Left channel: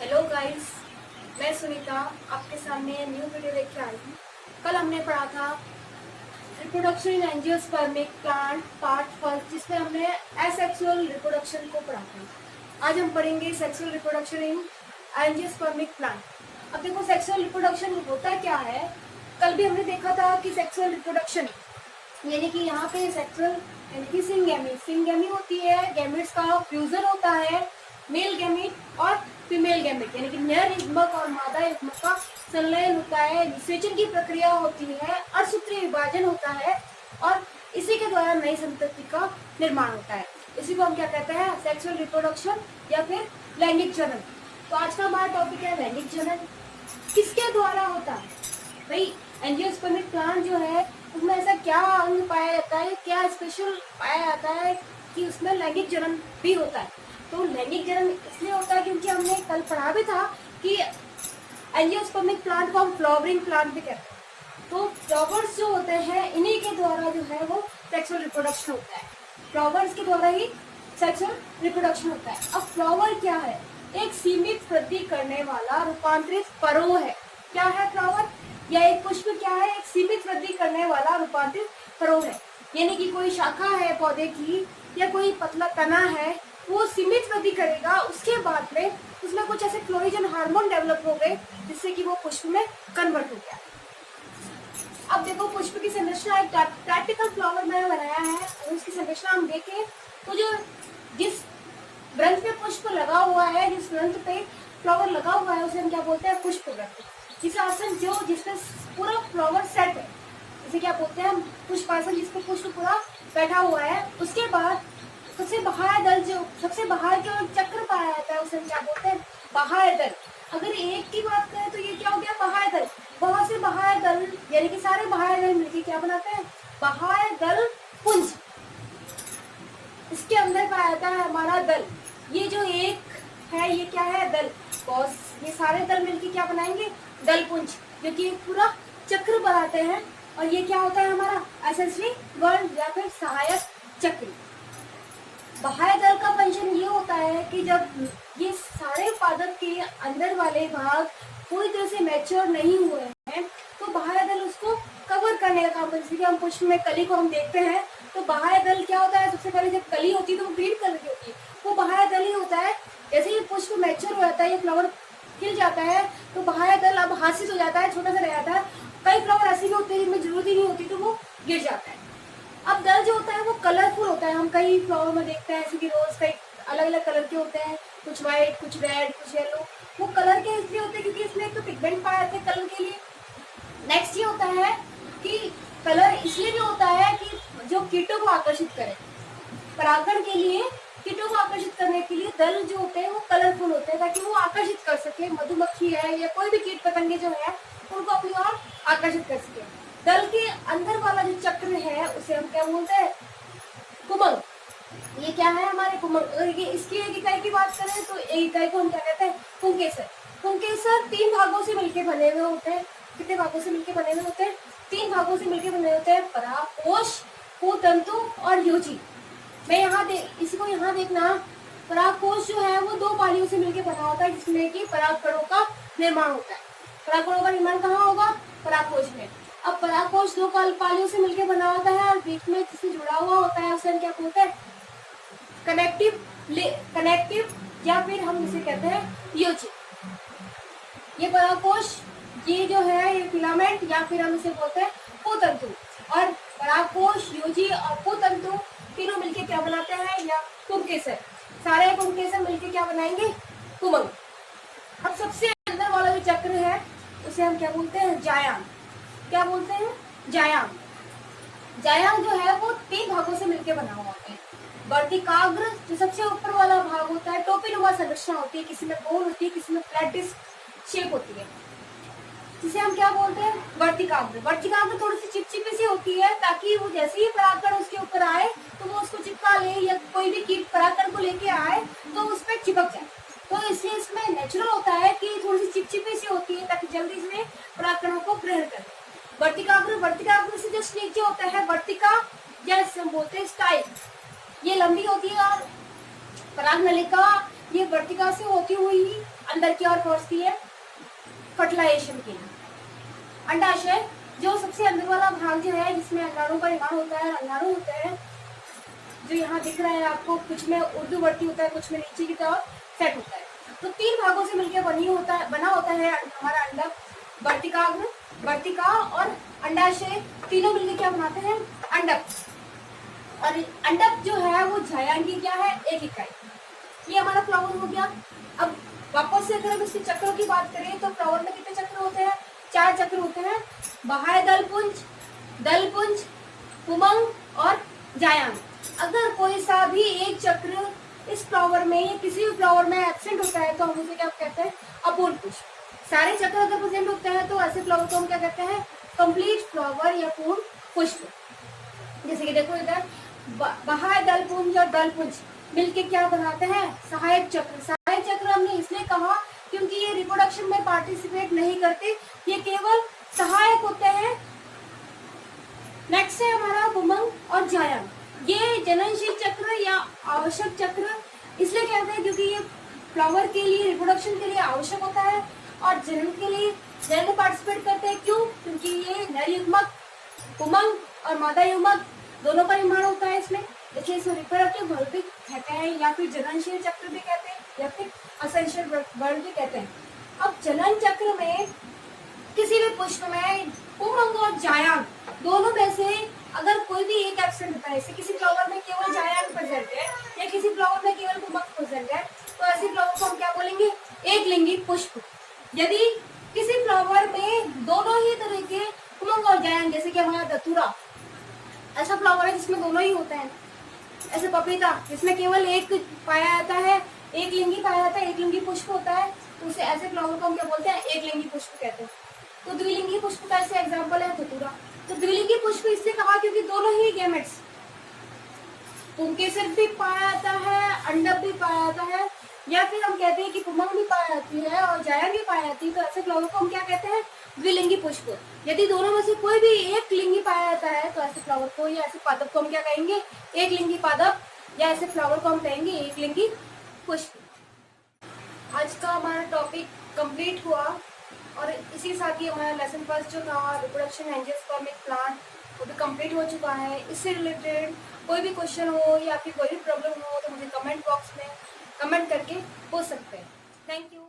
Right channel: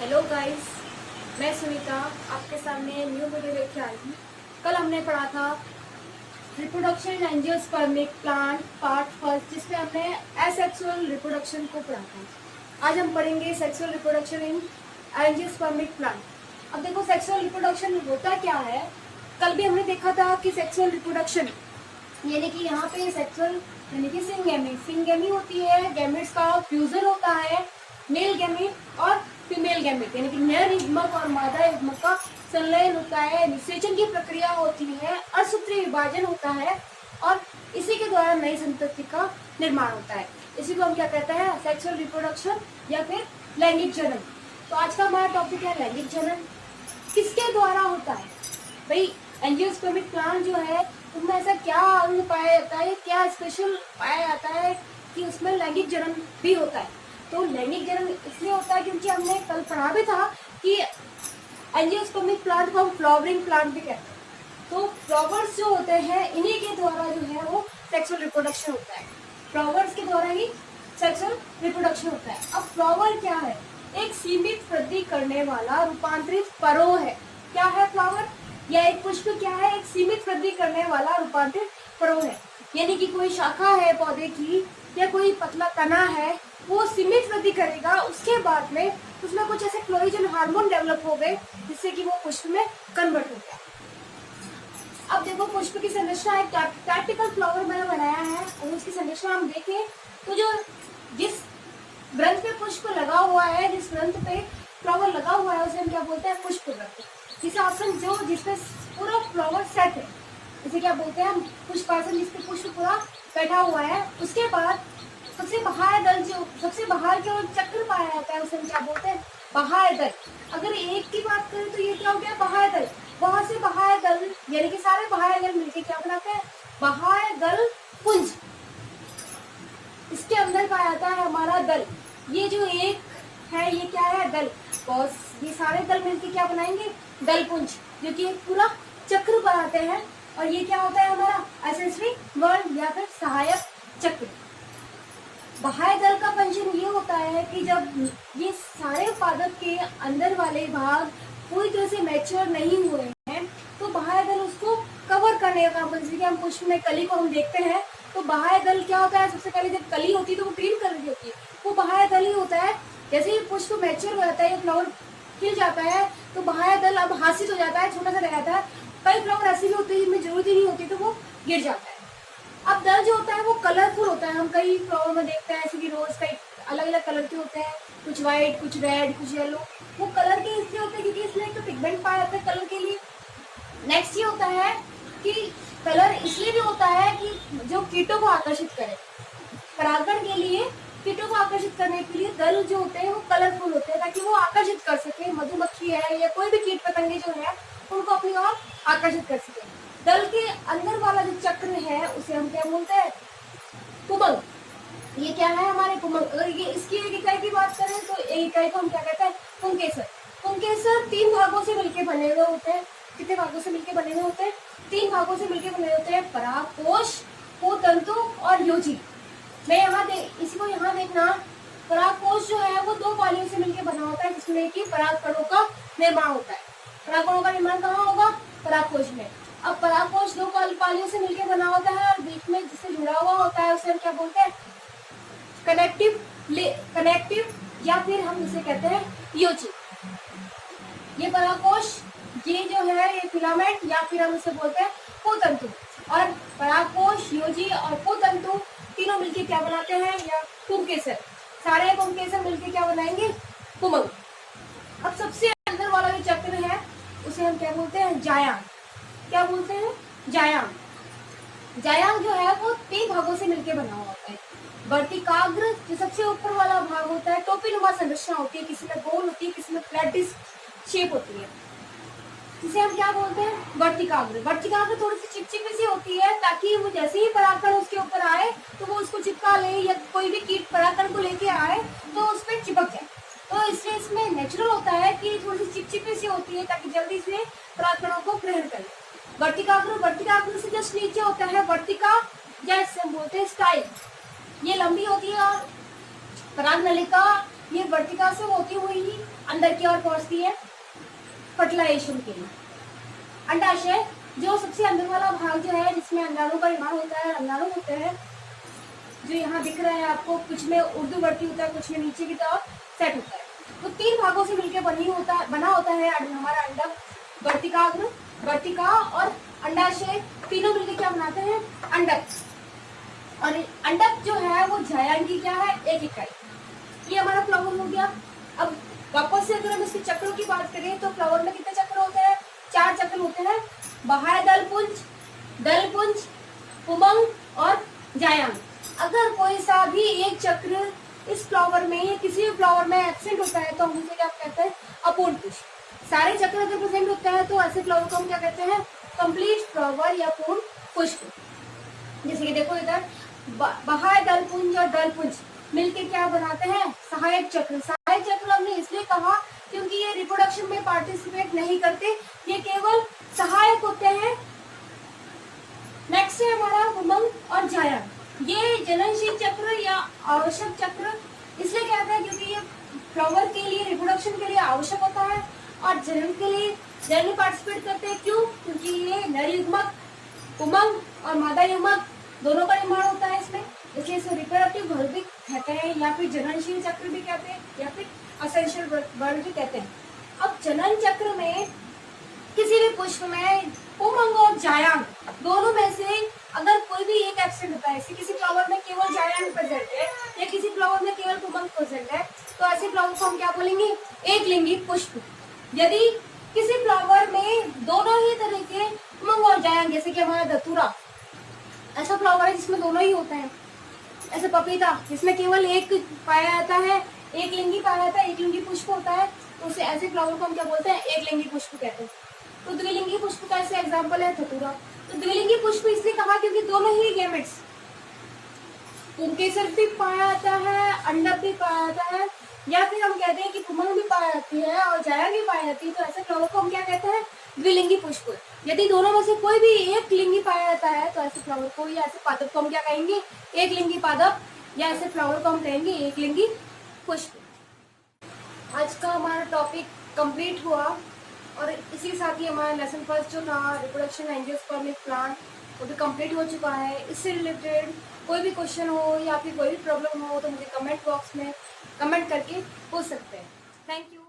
Hello guys, मैं सुनीता आपके सामने न्यू वीडियो लेके आई हूँ। कल हमने पढ़ा था reproduction in angiospermic plant part first, जिसमें हमने एसेक्सुअल रिप्रोडक्शन को पढ़ा था। आज हम पढ़ेंगे sexual reproduction in angiospermic plant. अब देखो, सेक्सुअल रिप्रोडक्शन होता क्या है। कल भी हमने देखा था कि सेक्सुअल रिप्रोडक्शन यानी कि यहाँ पे सेक्सुअल यानी कि सिंगेमी होती है, गैमेट्स का फ्यूजन होता है, मेल गैमेट और फीमेल गैमेट यानी कि नर युग्मक और मादा युग्मक का संलयन होता है, निषेचन की प्रक्रिया होती है, असूत्रीय विभाजन होता है और इसी के द्वारा नई संतति का निर्माण होता है। इसी को हम क्या कहते हैं, सेक्सुअल रिप्रोडक्शन या फिर लैंगिक जनन। तो आज का हमारा टॉपिक है लैंगिक जनन। किसके द्वारा होता है भाई? एंजियोस्पर्मिक प्लांट जो है उसमें ऐसा क्या अंग पाया जाता है, क्या स्पेशल पाया जाता है कि उसमें लैंगिक जनन भी होता है। तो लैंगिक जनन इसलिए होता है क्योंकि हमने कल पढ़ा भी था कि एंजियोस्पर्मिक प्लांट को हम फ्लावरिंग प्लांट भी कहते हैं। तो फ्लावर्स जो होते हैं इन्हीं के द्वारा जो है वो सेक्सुअल रिप्रोडक्शन होता है। फ्लावर्स के द्वारा ही सेक्सुअल रिप्रोडक्शन होता है। अब फ्लावर क्या है? एक सीमित वृद्धि करने वाला रूपांतरित परो है। क्या है फ्लावर या एक पुष्प? क्या है? एक सीमित वृद्धि करने वाला रूपांतरित परो है। यानी कि कोई शाखा है पौधे की या कोई पतला तना है, वो सीमित वृद्धि करेगा, उसके बाद में उसमें कुछ ऐसे फ्लोरिजन हार्मोन डेवलप हो गए जिससे कि वो पुष्प में कन्वर्ट हो गया। अब देखो, पुष्प की संरचना एक टाइपिकल फ्लावर मैंने बनाया है और उसकी संरचना हम देखें तो जो जिस ग्रंथ पे पुष्प लगा हुआ है, जिस ग्रंथ पे फ्लावर लगा हुआ है, उसे हम क्या बोलते हैं? पुष्प ग्रंथ। जिस आसन जो जिसपे पूरा फ्लावर सेट है, इसे क्या बोलते हैं हम? पुष्पासन, जिसपे पुष्प पूरा बैठा हुआ है। उसके बाद सबसे बाहर दल, जो सबसे बाहर के चक्र पाया जाता है, उसे हम क्या बोलते हैं? बाह्य दल। अगर एक की बात करें तो ये क्या हो गया? बाह्य दल। वहां से बाह्य दल यानी कि सारे बाह्य दल मिलकर क्या बनाते हैं? बाह्य दल पुंज। इसके अंदर पाया जाता है हमारा दल। ये जो एक है ये क्या है? दल। और ये सारे दल मिलके क्या बनाएंगे? दल पुंज, जो कि एक पूरा चक्र बनाते हैं। और ये क्या होता है हमारा? एक्सेसरी वर्ण या फिर सहायक चक्र। बाह्य दल का फंक्शन ये होता है कि जब ये सारे पादप के अंदर वाले भाग पूरी तरह से मैच्योर नहीं हुए हैं तो बाह्य दल उसको कवर करने का काम करता है। जैसे कि हम पुष्प में कली को हम देखते हैं तो बाह्य दल क्या होता है? सबसे पहले जब कली होती है तो वो ग्रीन कलर की होती है, वो बाह्य दल ही होता है। जैसे ही पुष्प मैच्योर हो जाता है, ये फ्लावर खिल जाता है, तो बाह्य दल अब हासिल हो जाता है, छोटा सा रह जाता है। कई फ्लावर ऐसे भी होते हैं जिनमें जरूरत ही नहीं होती तो वो गिर जाता है। अब दल जो होता है वो कलरफुल होता है। हम कई फ्लावर में देखते हैं ऐसे कि रोज कई अलग अलग कलर के होते हैं, कुछ व्हाइट, कुछ रेड, कुछ येलो। वो कलर के इसलिए होते हैं क्योंकि इसमें एक तो पिगमेंट पाया जाता है कलर के लिए। नेक्स्ट ये होता है कि कलर इसलिए भी होता है कि जो कीटों को आकर्षित करे। परागण के लिए कीटों को आकर्षित करने के लिए दल जो होते हैं वो कलरफुल होते हैं ताकि वो आकर्षित कर सके। मधुमक्खी है या कोई भी कीट पतंगे जो है उनको अपनी ओर आकर्षित कर सके। दल के अंदर वाला जो चक्र है उसे हम क्या बोलते हैं? कुमंग। ये क्या है? हमारे कुमंग। अगर ये इसकी एक इकाई की बात करें तो एक इकाई को हम क्या कहते हैं? पुंकेसर। पुंकेसर 3 भागों से मिलकर बने हुए होते हैं। कितने भागों से मिलकर बने हुए होते हैं? 3 भागों से मिलकर बने होते हैं, परागकोश, कुतंतु और योजी। मैं इसी को यहाँ देखना। परागकोश जो है वो 2 पालियों से मिलकर बना होता है जिसमें कि परागकणों का निर्माण होता है। परागकणों का निर्माण कहाँ होगा? परागकोश में। अब परागकोश 2 पालियों से मिलकर बना होता है और बीच में जिससे जुड़ा हुआ होता है उसे हम क्या बोलते हैं? कनेक्टिव या फिर हम इसे कहते हैं योजी। ये परागकोश, ये जो है ये फिलामेंट या फिर हम इसे बोलते हैं पुतंतु। और परागकोश, योजी और पुतंतु तीनों मिलके क्या बनाते हैं? या पुंकेसर। सारे पुंकेसर मिलके क्या बनाएंगे? कुमंग। अब सबसे अंदर वाला जो चक्र है उसे हम क्या बोलते हैं? जायांग। क्या बोलते हैं? जायांग। जायांग जो है वो 3 भागों से मिलकर बना हुआ होता है। वर्तिकाग्र जो सबसे ऊपर वाला भाग होता है, टोपीनुमा संरचना होती है, किसी में गोल होती है, किसी में फ्लैट डिस्क शेप होती है, जिसे हम क्या बोलते हैं? वर्तिकाग्र। वर्तिकाग्र थोड़ी सी चिपचिपी सी होती है ताकि वो जैसे ही परागकण उसके ऊपर आए तो वो उसको चिपका ले, या कोई भी कीट परागकण को लेके आए तो उस पर चिपक जाए। तो इसलिए इसमें नेचुरल होता है कि थोड़ी सी चिपचिपी सी होती है ताकि जल्दी से परागकणों को ग्रहण कर ले। वर्तिकाग्र, वर्तिकाग्र से जस्ट नीचे होता है वर्तिका या इसे हम बोलते हैं स्टाइल। ये लंबी होती है और पराग नलिका ये वर्तिका से होती हुई ही अंदर की ओर पहुंचती है फर्टिलाइजेशन के लिए। अंडाशय जो सबसे अंदर वाला भाग जो है जिसमें अंडाणु का निर्माण होता है, अंडाणु होते हैं जो यहाँ दिख रहा है आपको, कुछ में ऊर्ध्ववर्ती होता है, कुछ में नीचे की तरफ सेट होता है। तो 3 भागों से मिलकर बना होता है हमारा अंडक। वर्तिकाग्र, वर्तिका और अंडाशय तीनों मिलकर क्या बनाते हैं? अंडक। और अंडक जो है वो जायांग की क्या है? एक इकाई। ये हमारा फ्लावर हो गया। अब वापस से अगर हम इसके चक्रों की बात करें तो फ्लावर में कितने चक्र होते हैं? 4 चक्र होते हैं। बाह्य दलपुंज, दलपुंज, पुंबग और जायांग। अगर कोई सा भी एक चक्र इस फ्लावर में या किसी भी फ्लावर में एब्सेंट होता है तो हम उसे क्या कहते हैं? अपूर्ण पुष्प। सारे चक्र अगर प्रेजेंट होते हैं तो ऐसे फ्लावर को हम क्या कहते हैं? कंप्लीट फ्लावर या पूर्ण पुष्प। जैसे कि देखो इधर बाह्य दलपुंज और दलपुंज मिलके क्या बनाते हैं? सहायक चक्र। सहायक चक्र हमने इसलिए कहा क्योंकि ये रिप्रोडक्शन में पार्टिसिपेट नहीं करते, ये केवल सहायक होते हैं। नेक्स्ट है हमारा पुंबग और जायांग। ये जननशील चक्र या आवश्यक चक्र इसलिए कहते हैं क्योंकि ये फ्लावर के लिए रिप्रोडक्शन के लिए आवश्यक होता है और जनन के लिए जनन पार्टिसिपेट करते हैं। क्यों? क्योंकि ये नर युग्मक पुंबग और मादा युग्मक दोनों का निर्माण होता है इसमें, इसलिए इसे रिप्रोडक्टिव बल्ब भी कहते हैं या फिर जननशील चक्र भी कहते हैं या फिर असेंशियल बल्ब भी कहते हैं। अब जनन चक्र में किसी भी पुष्प में पुंबग और जायांग दोनों में से अगर कोई भी एक एब्सेंट होता है, जैसे किसी फ्लावर में केवल जायांग प्रेजेंट है या किसी फ्लावर में केवल पुंबग प्रेजेंट है, तो ऐसे फ्लावर को हम क्या बोलेंगे? एक लिंगी पुष्प। यदि किसी फ्लावर में दोनों ही तरह के पुंबग और जायांग, जैसे कि हमारा धतूरा ऐसा फ्लावर है जिसमें दोनों ही होते हैं, ऐसे पपीता जिसमें केवल एक पाया जाता है, एक लिंगी पाया जाता है, एक लिंगी पुष्प होता है, तो उसे ऐसे फ्लावर को हम क्या बोलते हैं? एक लिंगी पुष्प कहते हैं। तो द्विलिंगी पुष्प का ऐसे एग्जाम्पल है धतूरा। तो द्विलिंगी पुष्प इसलिए कहा क्योंकि दोनों ही गैमेट्स, पुंकेसर भी पाया जाता है, अंडक भी पाया जाता है, या फिर हम कहते हैं कि पुंबग भी पाया जाती है और जायांग भी पाई जाती है, तो ऐसे फ्लावर को हम क्या कहते हैं? द्विलिंगी पुष्प। यदि दोनों में से कोई भी एक लिंगी पाया जाता है तो ऐसे फ्लावर को या ऐसे पादप को हम क्या कहेंगे? एक लिंगी पादप, या ऐसे फ्लावर को हम कहेंगे एक लिंगी पुष्प। आज का हमारा टॉपिक कंप्लीट हुआ और इसी के साथ ही हमारा लेसन फर्स्ट जो था रिप्रोडक्शन एंजियोस्पर्मिक प्लांट वो भी कंप्लीट हो चुका है। इससे रिलेटेड कोई भी क्वेश्चन हो या फिर कोई भी प्रॉब्लम हो तो मुझे कमेंट बॉक्स में कमेंट करके पूछ सकते हैं। Thank you.